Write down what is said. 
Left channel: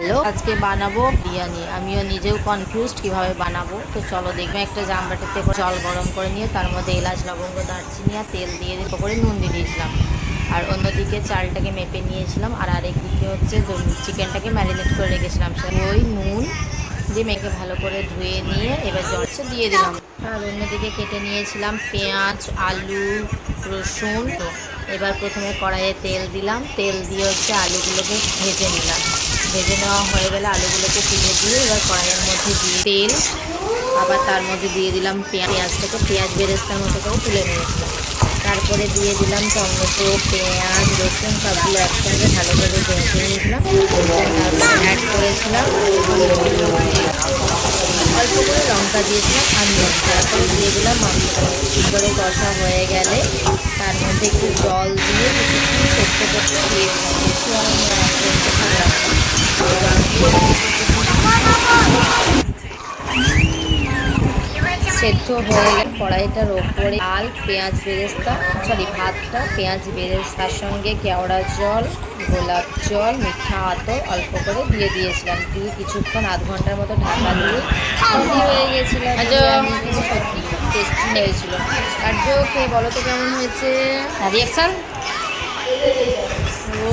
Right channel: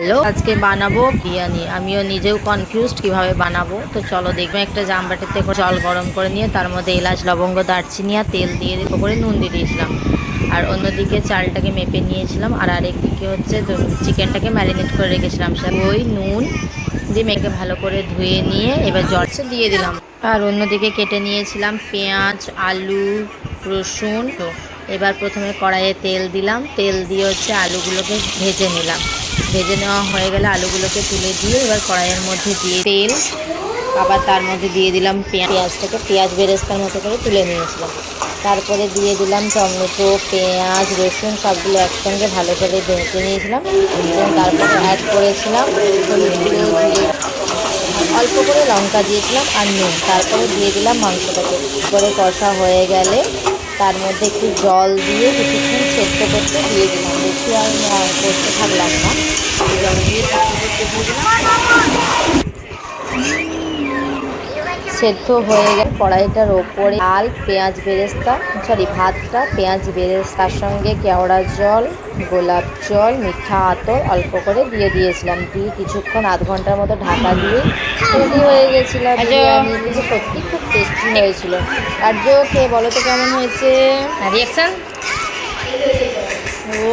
Hello, আজকে বানাবো বিরিয়ানি। আমিও নিজেও কনফিউজড কীভাবে বানাবো। তো চলো দেখবে একটা জামবাটিতে জল গরম করে নিয়ে, তার মধ্যে এলাচ, লবঙ্গ, দারচিনি আর তেল দিয়ে করে নুন দিয়ে দিয়েছিলাম। আর অন্যদিকে চালটাকে মেপে নিয়েছিলাম, আর আরেকদিকে হচ্ছে চিকেনটাকে ম্যারিনেট করে রেখেছিলাম। ওই নুন দিয়ে মেখে ভালো করে ধুয়ে নিয়ে এবার জলটা দিয়ে দিলাম। আর অন্যদিকে কেটে নিয়েছিলাম পেঁয়াজ, আলু, রসুন। এবার প্রথমে কড়াইয়ে তেল দিলাম। তেল দিয়ে হচ্ছে আলুগুলোকে ভেজে নিলাম। ভেজে নেওয়া হয়ে গেলে আলুগুলোকে তুলে দিয়ে এবার কড়াইয়ের মধ্যে দিয়ে তেল, আবার তার মধ্যে দিয়ে দিলাম পেঁয়া- পেঁয়াজটাকে পেঁয়াজ বেরেস্তার মতো করে তুলে নিয়েছিলাম। তারপরে দিয়ে দিলাম টমেটো, পেঁয়াজ, রসুন, সবগুলো একসঙ্গে ভালো করে ভেজে নিয়েছিলাম। তারপরে অ্যাড করেছিলাম অল্প করে লঙ্কা দিয়েছিলাম আর নুন। তারপরে দিয়ে দিলাম মাংসটাকে। করে কষা হয়ে গেলে তার মধ্যে একটু জল দিয়ে কিছুক্ষণ সেদ্ধ করতে দিয়ে দিলাম। বেশি আর করতে থাকলাম না। জল দিয়ে সেদ্ধ হয়ে গেলে। কড়াইটার ওপরে ডাল পেঁয়াজ বেরেস্তা সরি ভাতটা পেঁয়াজ বেরেস্তার সঙ্গে কেওড়া জল গোলাপ জল মিঠা আতর অল্প করে দিয়ে দিয়েছিলাম। দিয়ে কিছুক্ষণ আধ ঘণ্টার মতো ঢাকা দিয়ে রেডি হয়ে গেছিল কিন্তু সত্যি খুব টেস্টি হয়েছিল। আর যে খেয়ে বলো তো কেমন হয়েছে? রিয়াকশন ও।